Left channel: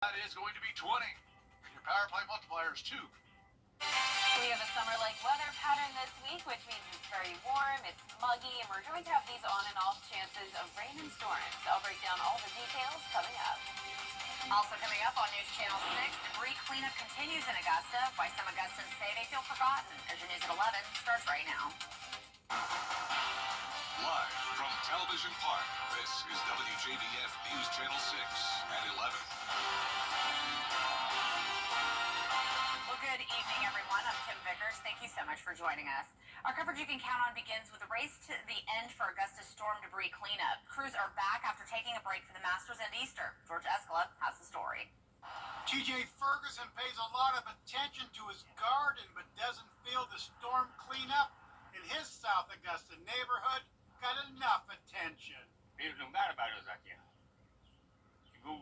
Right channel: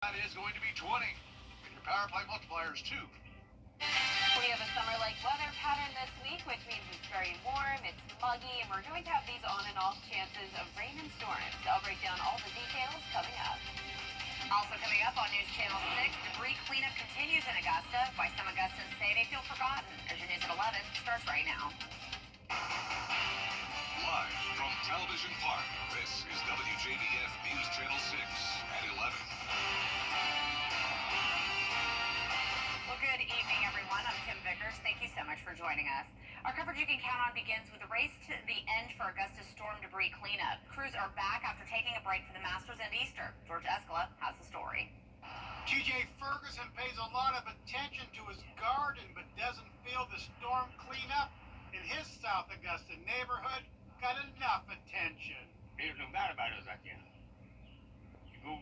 That is going to be 20. And your power play multipliers, 2. We have a summer-like weather pattern this week, which means it's very warm, it's muggy, and we're going to have these on and off chances of rain and storms. I'll break down all the details coming up. Also coming up on News Channel 6, debris cleanup continues in Augusta. Why some Augustans say they feel forgotten. There's your news at 11. Starts right now. Live from Television Park, this is WJBF News Channel 6 at 11. Well, good evening, everyone. I'm Kim Vickers. Thank you so much for joining us. Our coverage you can count on begins with the race to the end for Augusta's storm debris cleanup. Crews are back after taking a break for the Masters and Easter. George Escala has the story. TJ Ferguson pays a lot of attention to his garden, but doesn't feel the storm cleanup in his South Augusta neighborhood got enough attention. There's no doubt about us out there. You go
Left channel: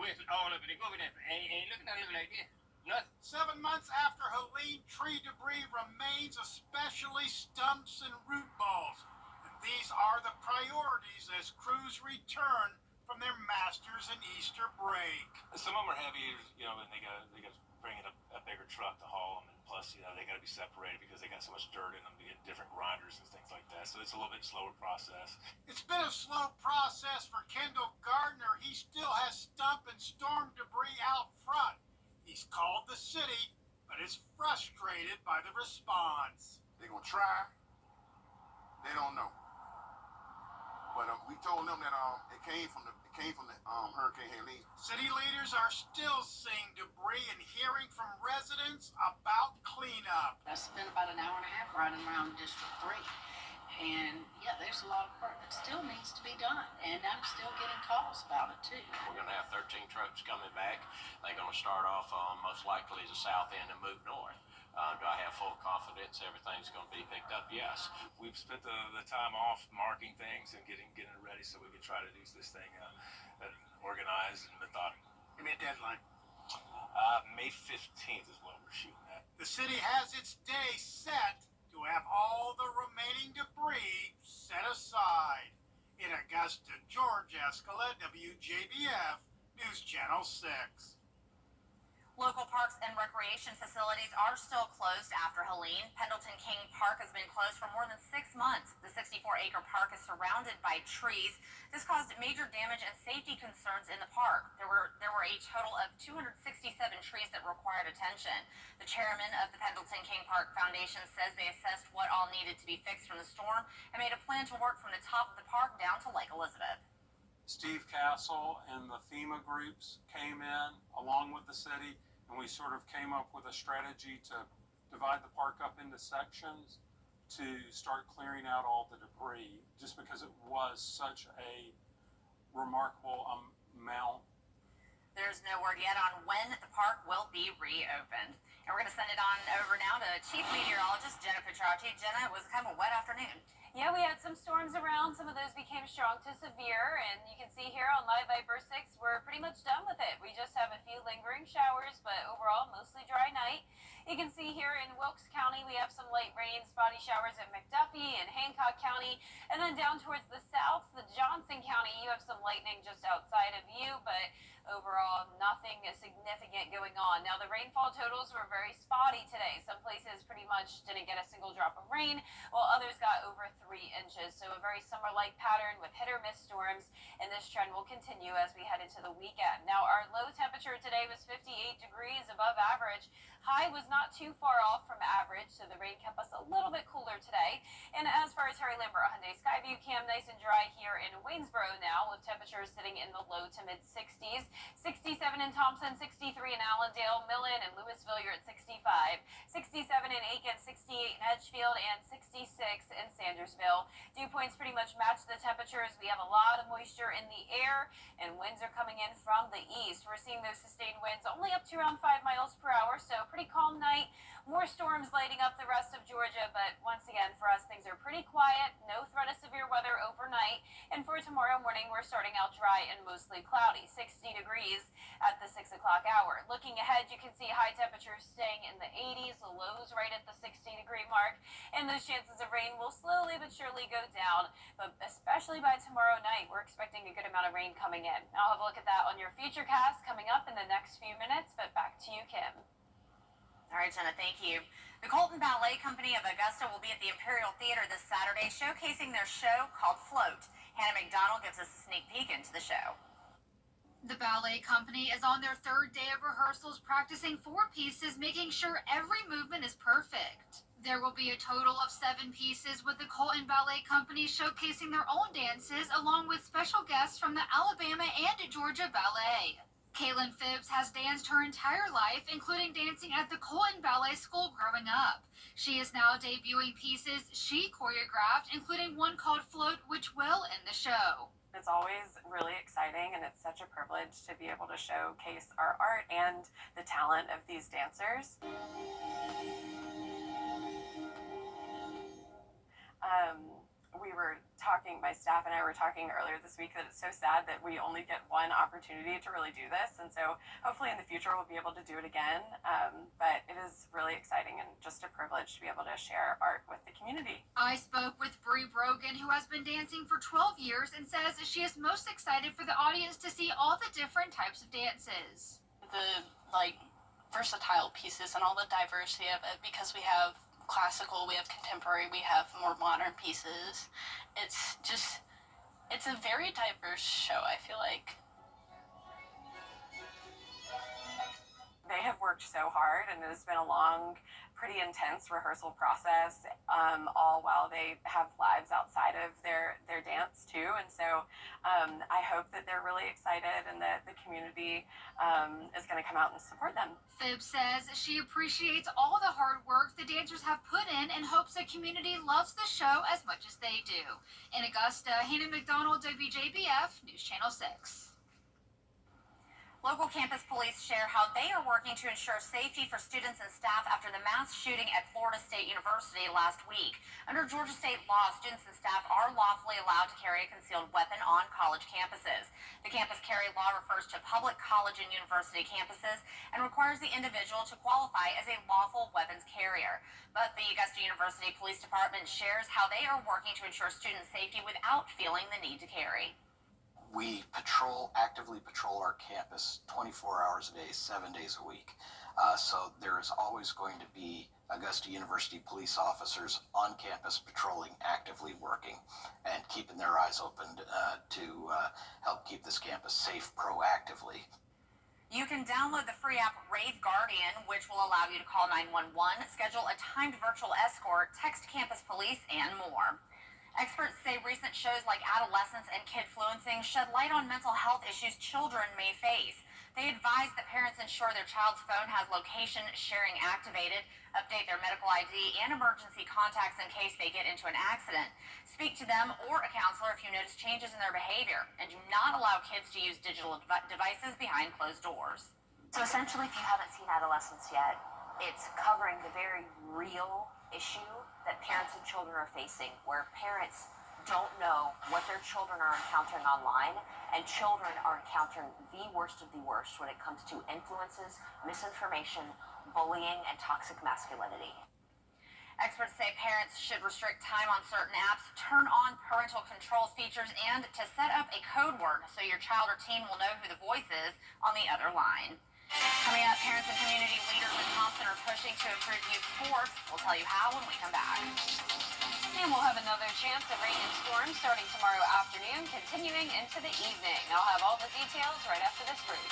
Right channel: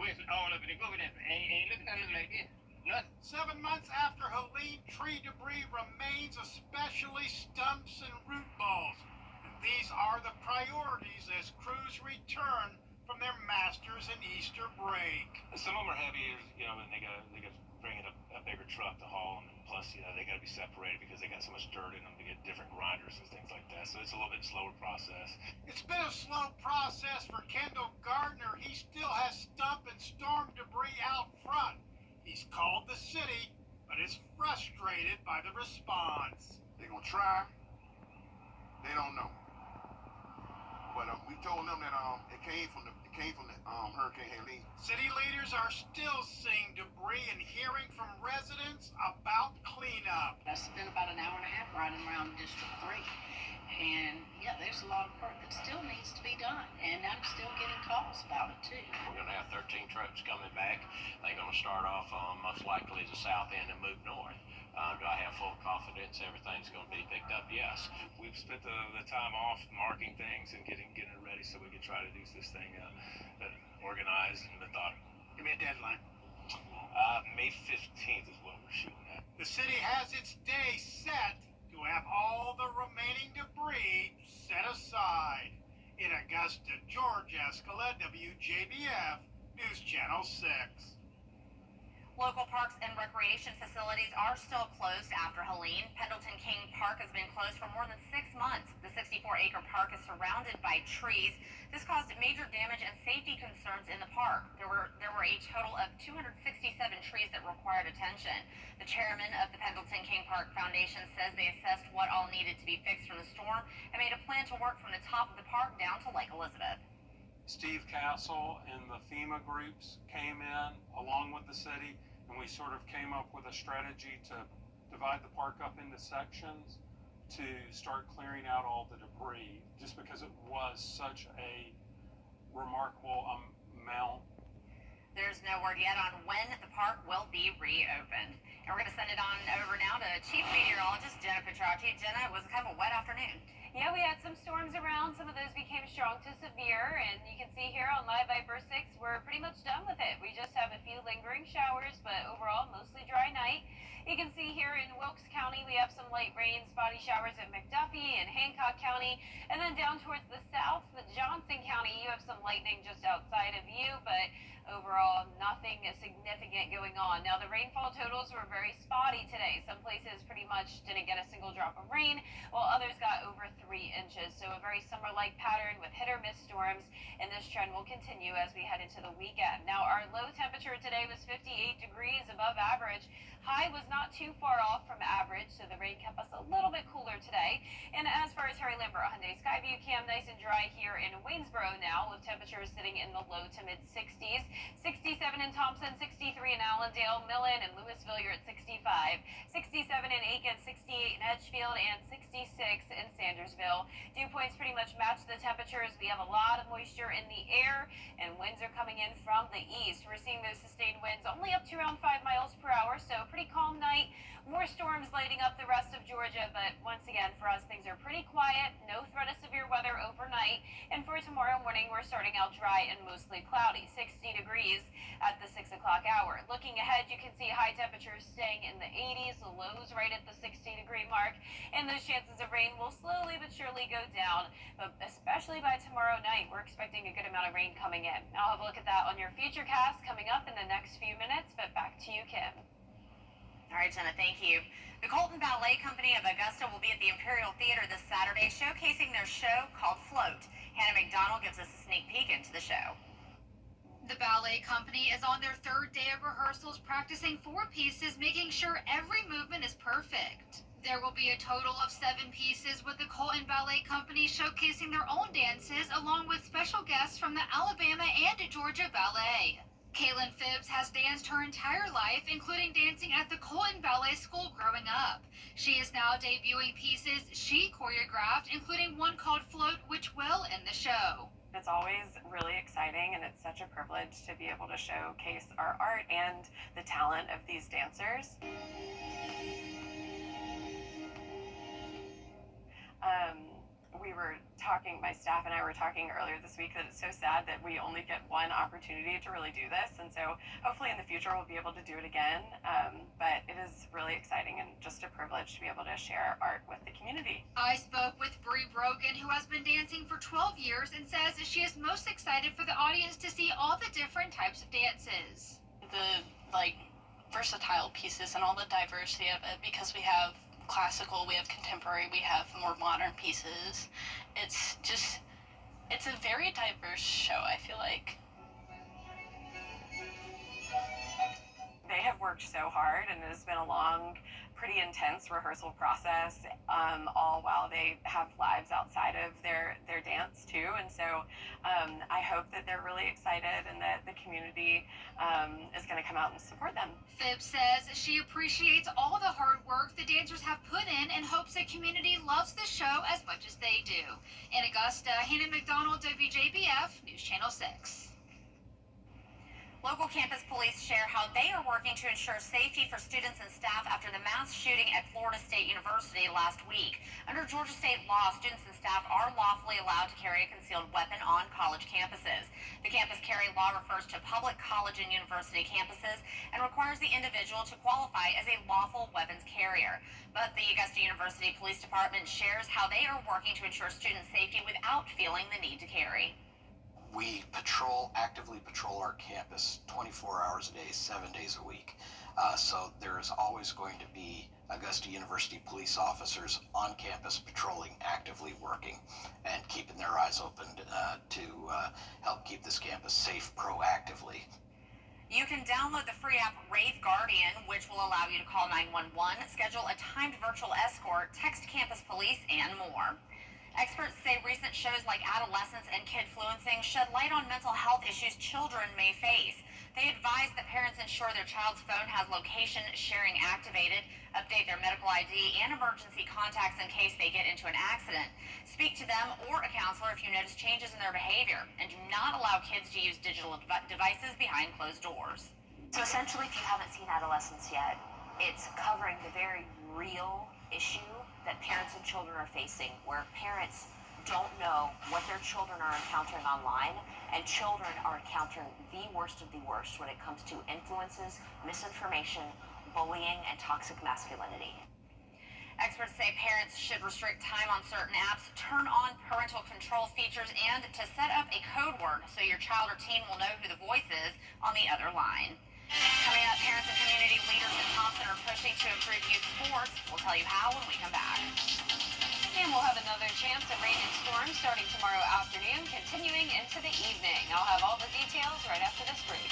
west all up and go over there. Ain't looking at it like this. Nothing. 7 months after Helene, tree debris remains, especially stumps and root balls. And these are the priorities as crews return from their Masters and Easter break. Some of them are heavy, and they gotta bring in a bigger truck to haul them. And plus, they gotta be separated because they got so much dirt in them to get different grinders and things like that. So it's a little bit slower process. It's been a slow process for Kendall Gardner. He still has stump and storm debris out front. He's called the city, but is frustrated by the response. They're gonna try. They don't know. But we told them that it came from the Hurricane Helene. City leaders are still seeing debris and hearing from residents about cleanup. I spent about an hour and a half riding around District 3. And yeah, there's a lot of work that still needs to be done. And I'm still getting calls about it too. We're going to have 13 trucks coming back. They're going to start off most likely the south end and move north. Do I have full confidence everything's going to be picked up? Yes. We've spent the time off marking things and getting it ready so we can try to do this thing organized and methodical. Give me a deadline. May 15th is what we're shooting at. The city has its day set to have all the remaining debris set aside. In Augusta, George Escala, WJBF, News Channel 6. Local parks and recreation facilities are still closed after Helene. Pendleton King Park has been closed for more than 6 months. The 64-acre park is surrounded by trees. This caused major damage and safety concerns in the park. There were a total of 267 trees that required attention. The chairman of the Pendleton King Park Foundation says they assessed what all needed to be fixed from the storm and made a plan to work from the top of the park down to Lake Elizabeth. Steve Castle and the FEMA groups came in along with the city, and we sort of came up with a strategy to divide the park up into sections to start clearing out all the debris, just because it was such a remarkable amount. There's no word yet on when the park will be reopened. And we're going to send it on over now to Chief Meteorologist Jenna Petracci. Jenna, it was kind of a wet afternoon. Yeah, we had some storms around. Some of those became strong to severe, and you can see here on Live Viper 6, we're pretty much done with it. We just have a few lingering showers, but overall, mostly dry night. You can see here in Wilkes County, we have some light rain, spotty showers in McDuffie and Hancock County, and then down towards the south, the Johnson County, you have some lightning just outside of you, but overall, nothing significant going on. Now, the rainfall totals were very spotty today. Some places pretty much didn't get a single drop of rain, while others got over 3 inches. So a very summer-like pattern with hit-or-miss storms, and this trend will continue as we head into the weekend. Now, our low temperature today was 58 degrees above average. High was not too far off from average, so the rain kept us a little bit cooler today. And as far as Harry Lambert Hyundai Skyview Cam, nice and dry here in Waynesboro now, with temperatures sitting in the low to mid-60s. 67 in Thompson, 63 in Allendale, Millen and Louisville, you're at 65. 67 in Aiken, 68 in Edgefield, and 66 in Sandersville. Dew points pretty much match the temperatures. We have a lot of moisture in the air, and winds are coming in from the east. We're seeing those sustained winds only up to around 5 miles per hour, so pretty calm night. More storms lighting up the rest of Georgia, but once again, for us, things are pretty quiet. No threat of severe weather overnight. And for tomorrow morning, we're starting out dry and mostly cloudy. 60 degrees at the 6 o'clock o'clock hour. Looking ahead, you can see high temperatures staying in the 80s, the lows right at the 60-degree mark, and those chances of rain will slowly but surely go down. But especially by tomorrow night, we're expecting a good amount of rain coming in. I'll have a look at that on your Futurecast coming up in the next few minutes, but back to you, Kim. All right, Jenna, thank you. The Colton Ballet Company of Augusta will be at the Imperial Theater this Saturday, showcasing their show called Float. Hannah McDonald gives us a sneak peek into the show. The ballet company is on their third day of rehearsals, practicing 4 pieces, making sure every movement is perfect. There will be a total of 7 pieces, with the Colton Ballet Company showcasing their own dances, along with special guests from the Alabama and Georgia Ballet. Kaylin Phibbs has danced her entire life, including dancing at the Colton Ballet School growing up. She is now debuting pieces she choreographed, including one called Float, which will end the show. It's always really exciting, and it's such a privilege to be able to showcase our art and the talent of these dancers. We were talking, my staff and I were talking earlier this week, that it's so sad that we only get one opportunity to really do this, and so hopefully in the future we'll be able to do it again, but it is really exciting and just a privilege to be able to share art with the community. I spoke with Bree Brogan, who has been dancing for 12 years and says she is most excited for the audience to see all the different types of dances. The versatile pieces and all the diversity of it, because we have classical, we have contemporary, we have more modern pieces. It's a very diverse show, I feel like. They have worked so hard, and it has been a long, pretty intense rehearsal process, all while they have lives outside of their dance too. And so I hope that they're really excited and that the community is going to come out and support them. Phibbs says she appreciates all the hard work the dancers have put in and hopes the community loves the show as much as they do. In Augusta, Hannah McDonald, WJBF, News Channel 6. Local campus police share how they are working to ensure safety for students and staff after the mass shooting at Florida State University last week. Under Georgia state law, students and staff are lawfully allowed to carry a concealed weapon on college campuses. The campus carry law refers to public college and university campuses and requires the individual to qualify as a lawful weapons carrier. But the Augusta University Police Department shares how they are working to ensure student safety without feeling the need to carry. We actively patrol our campus 24 hours a day, 7 days a week. So there is always going to be Augusta University police officers on campus patrolling, actively working, and keeping their eyes open to help keep this campus safe proactively. You can download the free app Rave Guardian, which will allow you to call 911, schedule a timed virtual escort, text campus police, and more. Experts say recent shows like Adolescence and Kidfluencing shed light on mental health issues children may face. They advise that parents ensure their child's phone has location sharing activated, update their medical ID and emergency contacts in case they get into an accident. Speak to them or a counselor if you notice changes in their behavior, and do not allow kids to use digital devices behind closed doors. So essentially, if you haven't seen Adolescence yet, it's covering the very real issue that parents and children are facing, where parents don't know what their children are encountering online, and children are encountering the worst of the worst when it comes to influences, misinformation, bullying, and toxic masculinity. Experts say parents should restrict time on certain apps, turn on parental control features, and to set up a code word so your child or teen will know who the voice is on the other line. Coming up, parents and community leaders in Thompson are pushing to improve youth sports. We'll tell you how when we come back. And we'll have another chance at rain and storms starting tomorrow afternoon, continuing into the evening. I'll have all the details right after this break.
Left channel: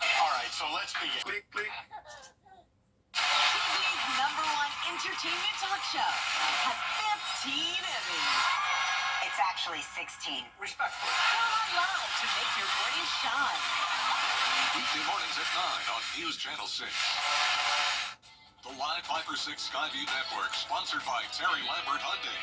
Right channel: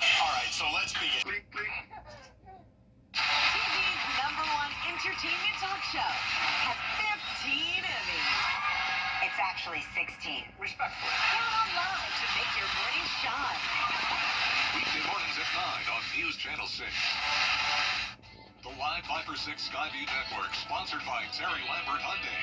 All right, so let's begin. Click, click. TV's #1 entertainment talk show has 15 Emmys. It's actually 16. Respectfully. Count on live to make your morning shine. Weekday mornings at 9 on News Channel 6. The Live 5/6 Skyview Network, sponsored by Terry Lambert Hyundai.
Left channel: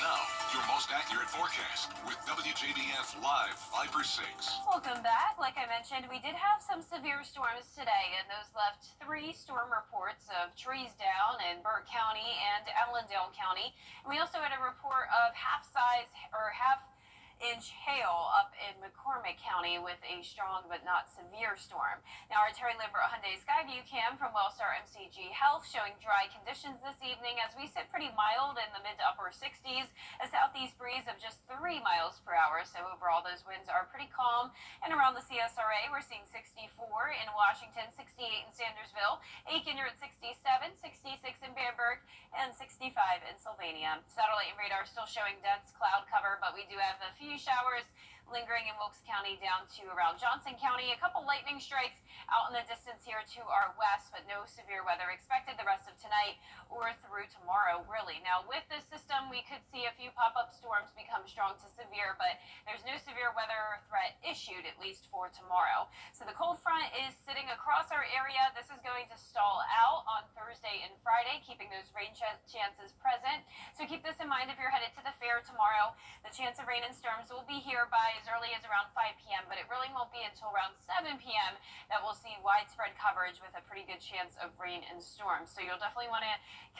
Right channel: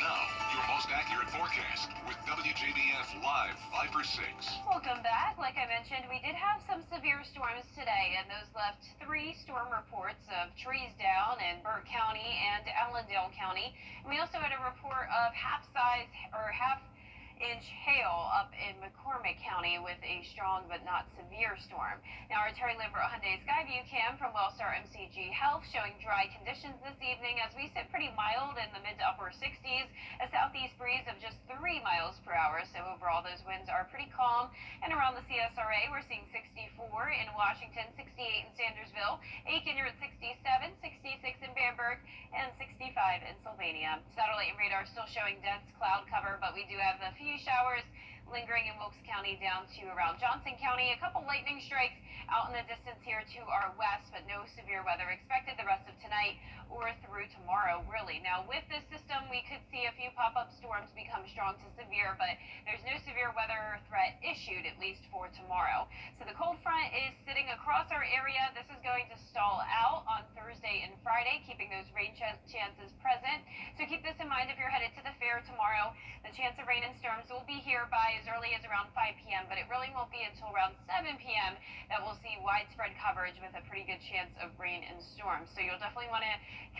Now, your most accurate forecast with WJBF Live 5 for 6. Welcome back. Like I mentioned, we did have some severe storms today, and those left 3 storm reports of trees down in Burke County and Allendale County. And we also had a report of half-inch hail up in McCormick County with a strong but not severe storm. Now, our Terry Lambert Hyundai Skyview cam from Wellstar MCG Health showing dry conditions this evening as we sit pretty mild in the mid to upper 60s, a southeast breeze of just 3 miles per hour. So overall, those winds are pretty calm. And around the CSRA, we're seeing 64 in Washington, 68 in Sandersville, Aiken, you're at 67, 66 in Bamberg, and 65 in Sylvania. Satellite and radar still showing dense cloud cover, but we do have a few showers lingering in Wilkes County down to around Johnson County. A couple lightning strikes out in the distance here to our west, but no severe weather expected the rest of tonight or through tomorrow, really. Now, with this system, we could see a few pop-up storms become strong to severe, but there's no severe weather threat issued, at least for tomorrow. So the cold front is sitting across our area. This is going to stall out on Thursday and Friday, keeping those rain chances present. So keep this in mind if you're headed to the fair tomorrow. The chance of rain and storms will be here by as early as around 5 p.m., but it really won't be until around 7 p.m. that we'll see widespread coverage with a pretty good chance of rain and storms. So you'll definitely want to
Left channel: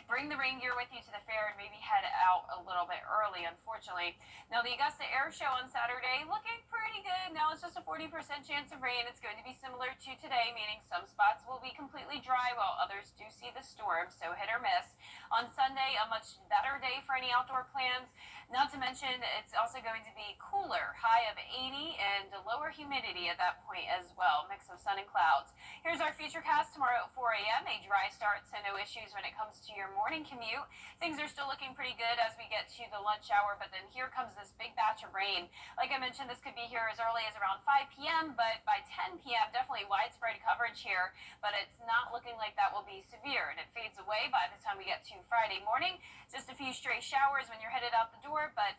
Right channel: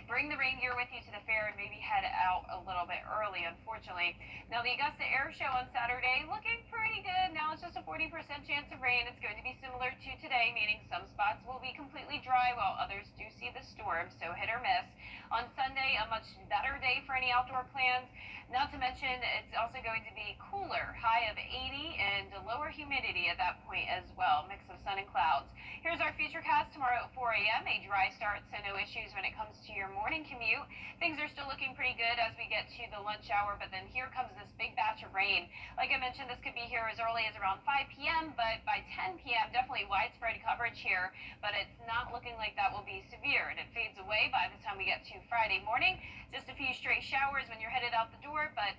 bring the rain gear with you to the fair and maybe head out a little bit early, unfortunately. Now, the Augusta Air Show on Saturday looking pretty good. Now it's just a 40% chance of rain. It's going to be similar to today, meaning some spots will be completely dry while others do see the storm, so hit or miss. On Sunday, a much better day for any outdoor plans. Not to mention, it's also going to be cooler, high of 80 and lower humidity at that point as well, mix of sun and clouds. Here's our futurecast tomorrow at 4 a.m. A dry start, so no issues when it comes to your morning commute. Things are still looking pretty good as we get to the lunch hour, but then here comes this big batch of rain. Like I mentioned, this could be here as early as around 5 p.m., but by 10 p.m., definitely widespread coverage here, but it's not looking like that will be severe, and it fades away by the time we get to Friday morning. Just a few stray showers when you're headed out the door, but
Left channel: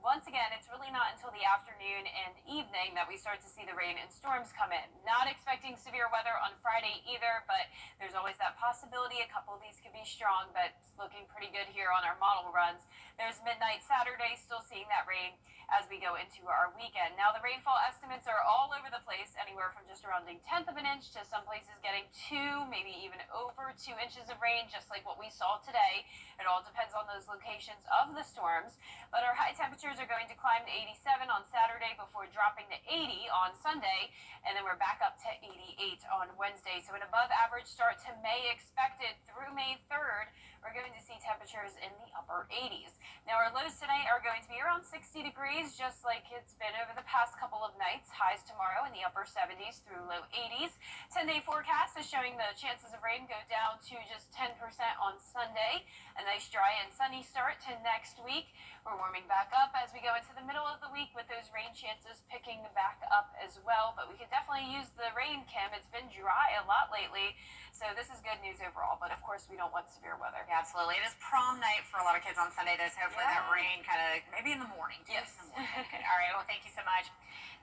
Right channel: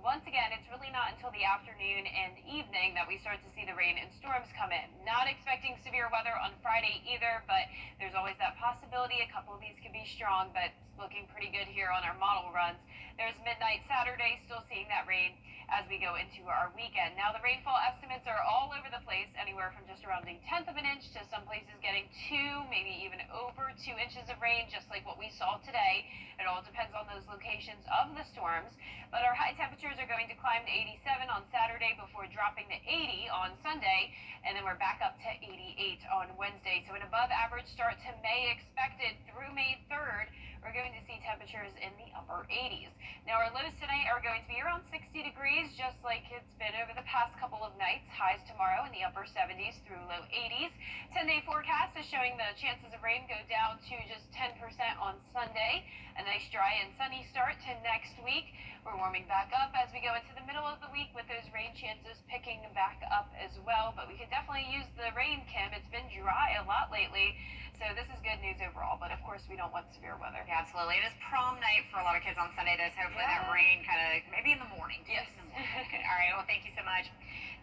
once again, it's really not until the afternoon and evening that we start to see the rain and storms come in. Not expecting severe weather on Friday either, but there's always that possibility. A couple of these could be strong, but it's looking pretty good here on our model runs. There's midnight Saturday, still seeing that rain as we go into our weekend. Now, the rainfall estimates are all over the place, anywhere from just around a tenth of an inch to some places getting 2, maybe even over 2 inches of rain, just like what we saw today. It all depends on those locations of the storms, but our high temperatures are going to climb to 87 on Saturday before dropping to 80 on Sunday, and then we're back up to 88 on Wednesday. So an above average start to May expected through May 3rd. We're going to see temperatures in the upper 80s. Now, our lows tonight are going to be around 60 degrees, just like it's been over the past couple of nights. Highs tomorrow in the upper 70s through low 80s. 10-day forecast is showing the chances of rain go down to just 10% on Sunday. A nice dry and sunny start to next week. We're warming back up as we go into the middle of the week with those rain chances picking back up as well. But we could definitely use the rain, Kim. It's been dry a lot lately. So this is good news overall, but of course we don't want severe weather. Yeah, absolutely. It is prom night for a lot of kids on Sunday, though, so hopefully that rain kind of, maybe in the morning. Yes. In the morning. Okay. All right, well, thank you so much.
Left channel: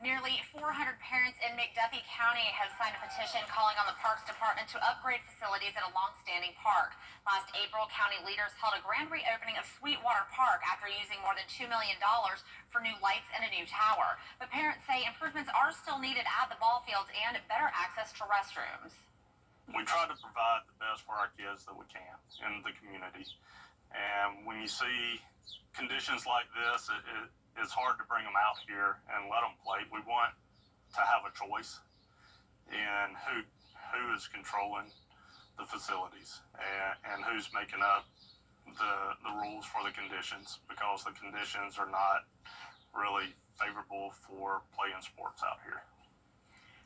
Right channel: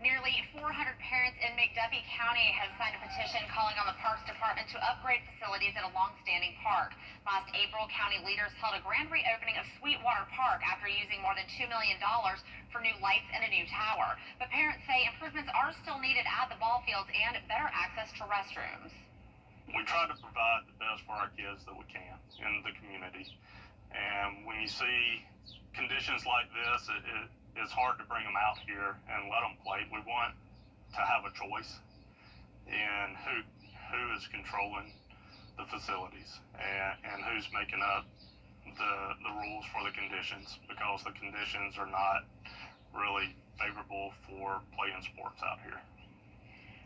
Nearly 400 parents in McDuffie County have signed a petition calling on the Parks Department to upgrade facilities at a long-standing park. Last April, county leaders held a grand reopening of Sweetwater Park after using more than $2 million for new lights and a new tower. But parents say improvements are still needed at the ball fields and better access to restrooms. We try to provide the best for our kids that we can in the community. And when you see conditions like this, it's hard to bring them out here and let them play. We want to have a choice in who is controlling the facilities and who's making up the rules for the conditions, because the conditions are not really favorable for playing sports out here.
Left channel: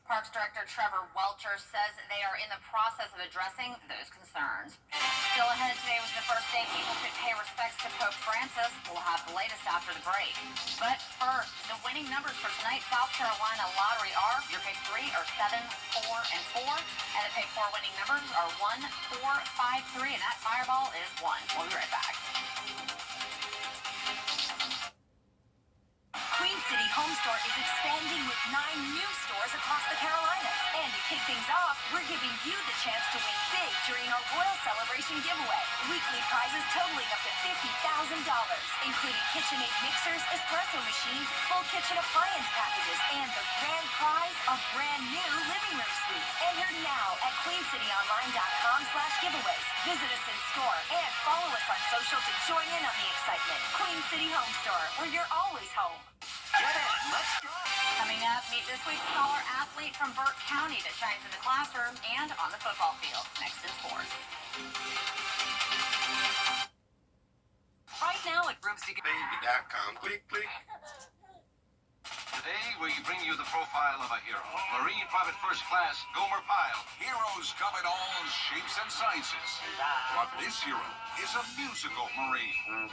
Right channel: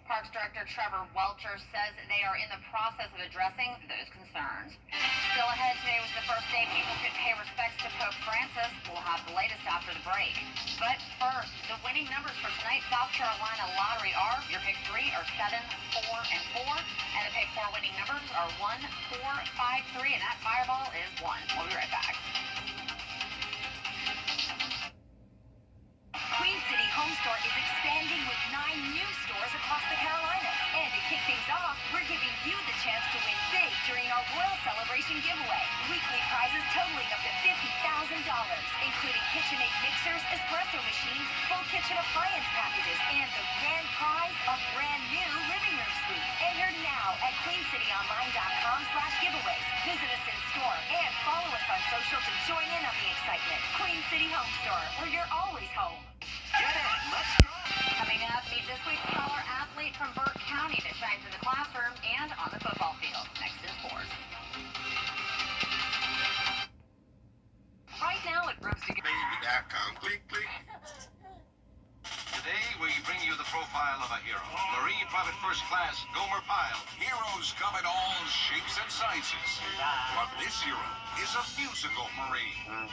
Parks Director Trevor Welcher says they are in the process of addressing those concerns. Still ahead today was the first day people could pay respects to Pope Francis. We'll have the latest after the break. But first, the winning numbers for tonight's South Carolina lottery are: your pick 3 are 7, 4, and 4, and the pick 4 winning numbers are 1, 4, 5, 3, and that fireball is 1. We'll be right back. Queen City Home Store is expanding with 9 new stores across the Carolinas. And to kick things off, we're giving you the chance to win big during our Royal Celebration giveaway. Weekly prizes totaling up to $50,000, including KitchenAid mixers, espresso machines, full kitchen appliance packages, and the grand prize, a brand new living room suite. Enter now at queencityonline.com/giveaways. Visit us in store and follow us on social to join in on the excitement. Queen City Home Store, where you're always home. Get it. Let's go. Coming up, meet this week's scholar athlete from Burke County that shines in the classroom and on the football field. Next in sports. Right now at Baby.com. Click, click. Today, we bring you the profile of a hero. Marine Private First Class Gomer Pyle. Heroes come in all shapes and sizes. But this hero is a musical Marine.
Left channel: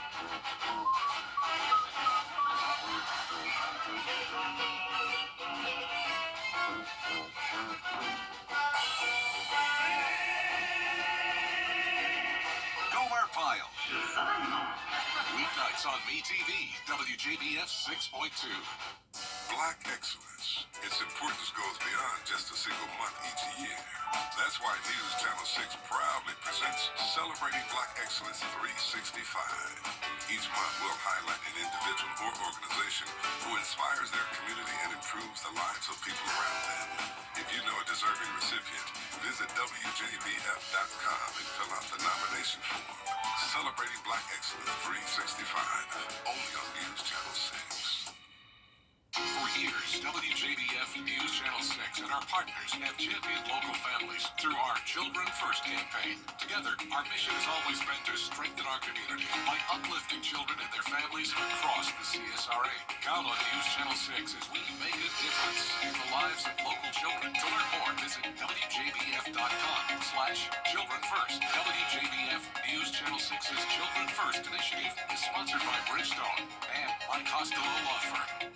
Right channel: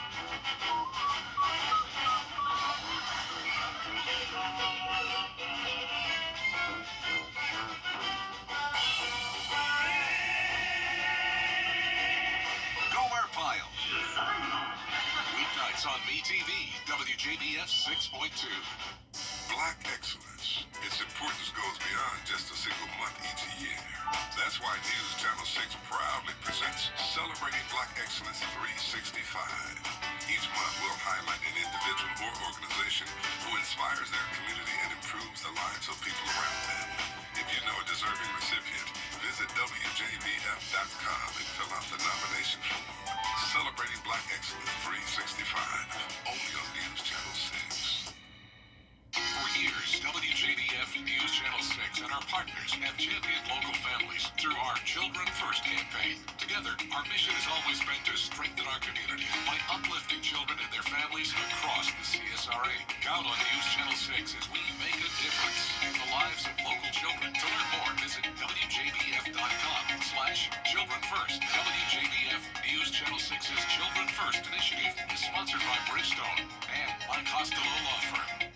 Gomer Pyle. Weeknights on MeTV, WJBF 6.2. Black excellence. Its importance goes beyond just a single month each year. That's why News Channel 6 proudly presents Celebrating Black Excellence 365. Each month we'll highlight an individual or organization who inspires their community and improves the lives of people around them. If you know a deserving recipient, visit WJBF.com and fill out the nomination form. Celebrating Black Excellence 365, only on News Channel 6. For years, WJBF News Channel 6 and our partners have championed local families through our Children First campaign. Together, our mission has always been to strengthen our community by uplifting children and their families across the CSRA. Count on News Channel 6 as we make a difference in the lives of local children. To learn more, visit WJBF.com/Children First. WJBF News Channel 6's Children First initiative is sponsored by Bridgestone and by Costello Law Firm.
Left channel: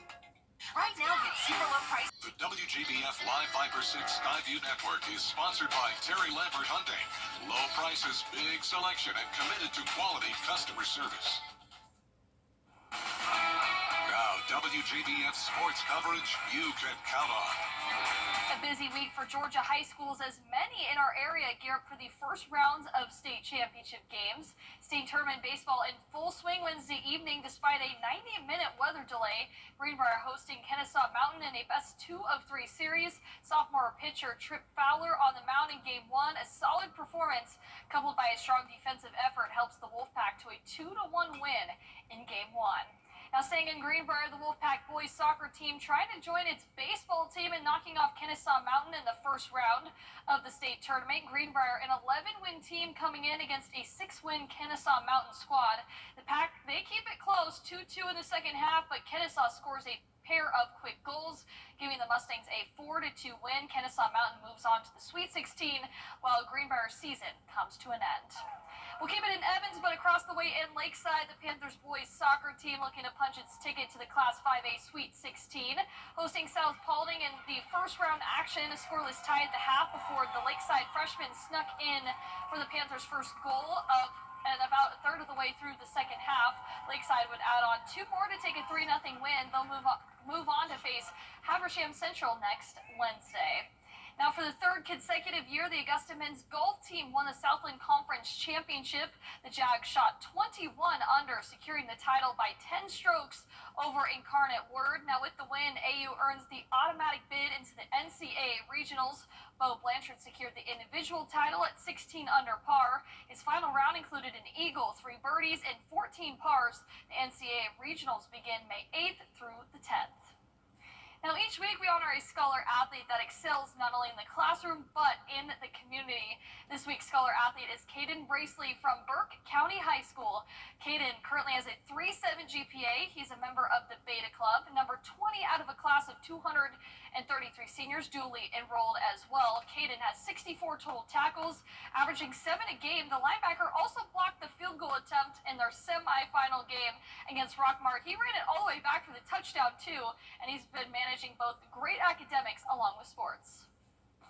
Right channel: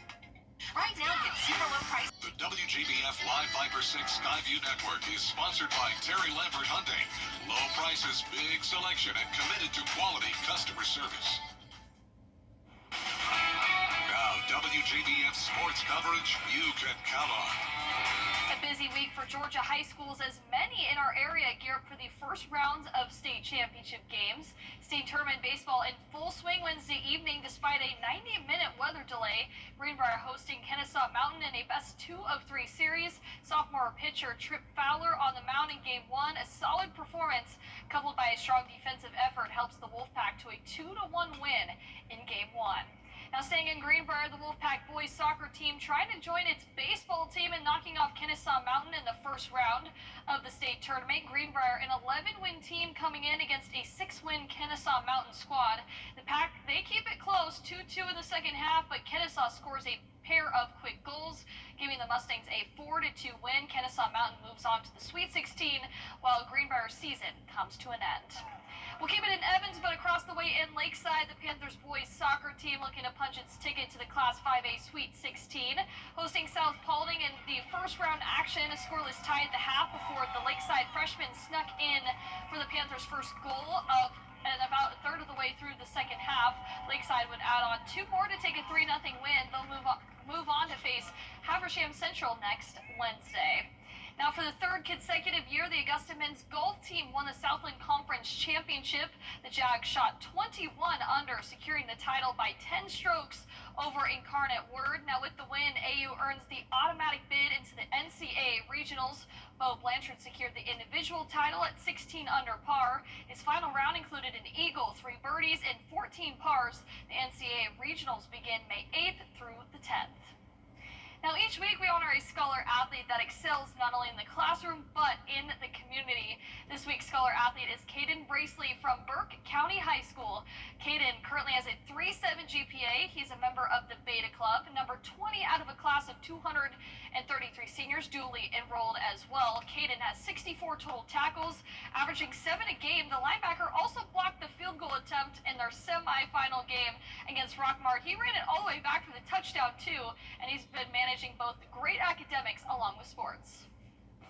Right now, get super low price. The WJBF Live Viper 6 Skyview Network is sponsored by Terry Lambert Hyundai. Low prices, big selection, and committed to quality customer service. Now, WJBF sports coverage you can count on. A busy week for Georgia high schools as many in our area gear up for the first rounds of state championship games. State tournament baseball in full swing Wednesday evening despite a 90-minute weather delay. Greenbrier hosting Kennesaw Mountain in a best 2-of-3 series. Sophomore pitcher Trip Fowler on the mound in Game 1. A solid performance coupled by a strong defensive effort helps the Wolfpack to a 2-1 win in Game 1. Now staying in Greenbrier, the Wolfpack boys soccer team trying to join its baseball team in knocking off Kennesaw Mountain in the first round of the state tournament. Greenbrier, an 11-win team coming in against a 6-win Kennesaw Mountain squad. The Pack, they keep it close, 2-2 in the second half, but Kennesaw scores a pair of quick goals, giving the Mustangs a 4-2 win. Kennesaw Mountain moves on to the Sweet 16, while Greenbrier's season comes to an end. We'll keep it in Evans, but across the way in Lakeside, the Panthers boys soccer team looking to punch its ticket to the Class 5A Sweet 16. Hosting South Paulding in the first round action, a scoreless tie at the half before the Lakeside freshmen snuck in for the Panthers' first goal and about a third of the way through the second half. Lakeside would add on 2 more to take a 3-0 win. They'll move on to face Habersham Central next Wednesday. Now, for the third consecutive year, the Augusta men's golf team won the Southland Conference Championship. The Jags shot 21 under, securing the title by 10 strokes over Incarnate Word. Now, with the win, AU earns the automatic bid into the NCAA Regionals. Bo Blanchard secured the individual title at 16 under par. His final round included an eagle, 3 birdies, and 14 pars. The NCAA Regionals begin May 8th through the 10th. Now, each week we honor a scholar athlete that excels not only in the classroom, but in the community. This week's scholar athlete is Caden Bracely from Burke County High School. Caden currently has a 3.7 GPA. He's a member of the Beta Club, number 20 out of a class of 233 seniors, duly enrolled as well. Caden has 64 total tackles, averaging 7 a game. The linebacker also blocked the field goal attempt in their semifinal game against Rockmart. He ran it all the way back for the touchdown, too, and he's been managing both great academics along with sports.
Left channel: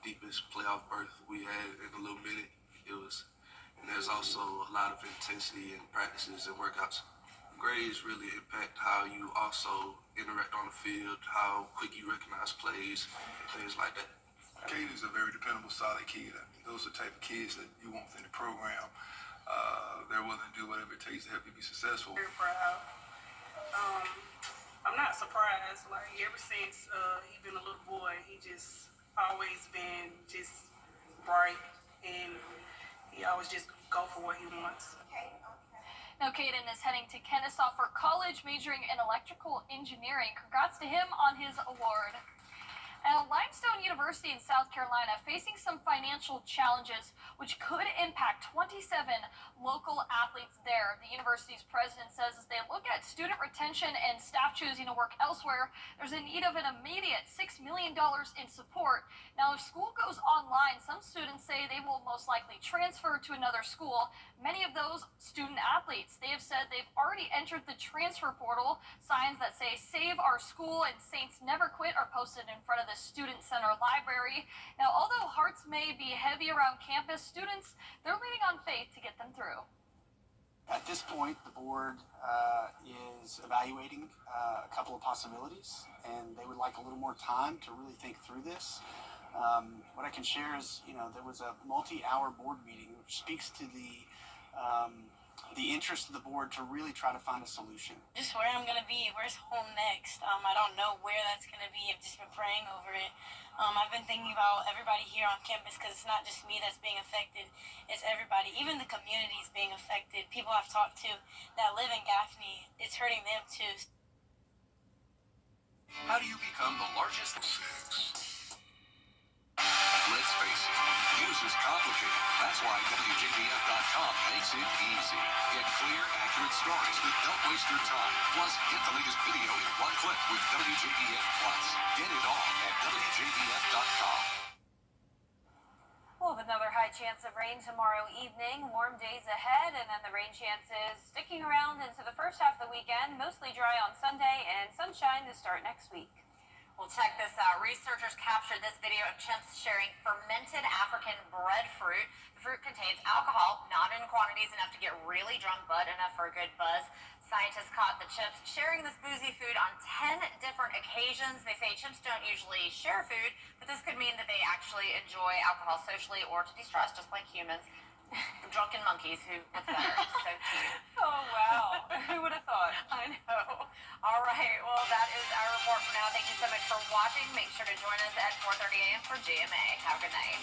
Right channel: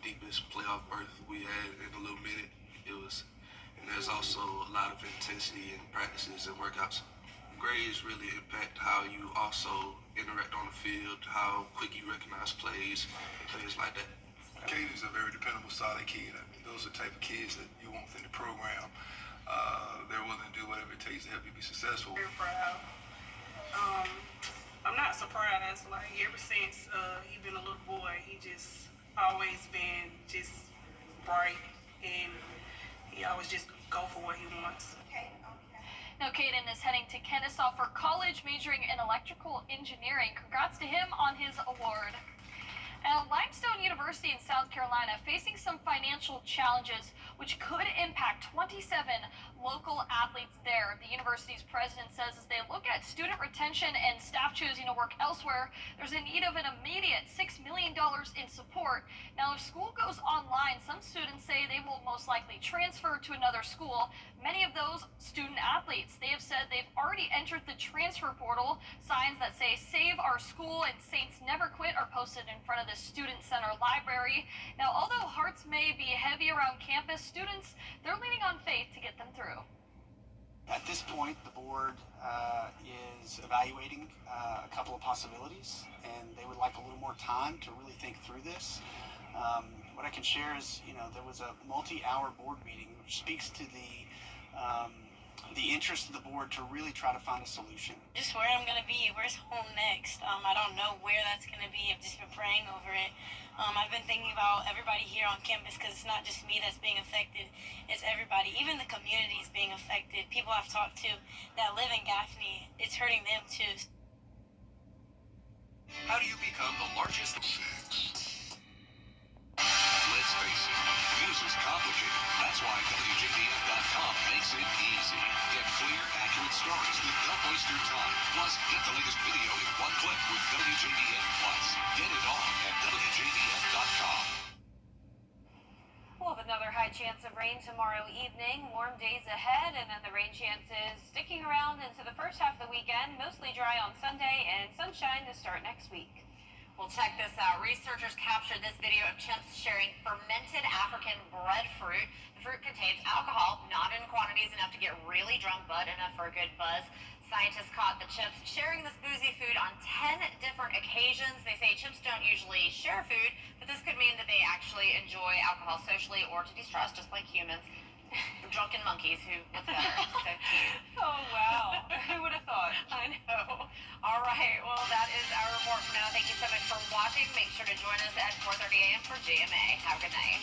Deepest playoff berth we had in a little minute. And there's also a lot of intensity in practices and workouts. Grades really impact how you also interact on the field, how quick you recognize plays, and things like that. Caden's a very dependable, solid kid. I mean, those are the type of kids that you want within the program. They're willing to do whatever it takes to help you be successful. Very proud. I'm not surprised. Like, ever since he been a little boy, he just always been just bright, and he always just go for what he wants. Now, Caden is heading to Kennesaw for college, majoring in electrical engineering. Congrats to him on his award. Now, Limestone University in South Carolina facing some financial challenges which could impact 27 local athletes there. The university's president says as they look at student retention and staff choosing to work elsewhere, there's a need of an immediate $6 million in support. Now, if school goes online, some students say they will most likely transfer to another school. Many of those student athletes, they have said they've already entered the transfer portal. Signs that say "Save Our School" and "Saints Never Quit" are posted in front of the Student Center Library. Now, although hearts may be heavy around campus, students, they're leaning on faith to get them through. At this point, the board is evaluating a couple of possibilities, and they would like a little more time to really think through this. What I can share is, there was a multi-hour board meeting, which speaks to the interest of the board to really try to find a solution. Just where I'm going to be, where's home next? I don't know where that's going to be. I've just been praying over it. I've been thinking about everybody here on campus because it's not just me that's being affected. It's everybody. Even the community is being affected. People I've talked to that live in Gaffney, it's hurting them too. How do you become the largest? Let's face it, news is complicated. That's why WJBF.com makes it easy. Get clear, accurate stories that don't waste your time. Plus, get the latest video in one click with WJBF Plus. Get it all at WJBF.com. We'll have another high chance of rain tomorrow evening. Warm days ahead, and then the rain chances sticking around into the first half of the weekend. Mostly dry on Sunday and sunshine to start next week. Well, check this out. Researchers captured this video of chimps sharing fermented African breadfruit. The fruit contains alcohol, not in quantities enough to get really drunk, but enough for a good buzz. Scientists caught the chimps sharing this boozy food on 10 different occasions. They say chimps don't usually share food, but this could mean that they actually enjoy alcohol socially or to de-stress, just like humans. Drunken monkeys, what's better? So cute. Oh, wow. Who would have thought? I know. All right. Well, that is our report for now. Thank you so much for watching. Make sure to join us at 4:30 a.m. for GMA. Have a good night.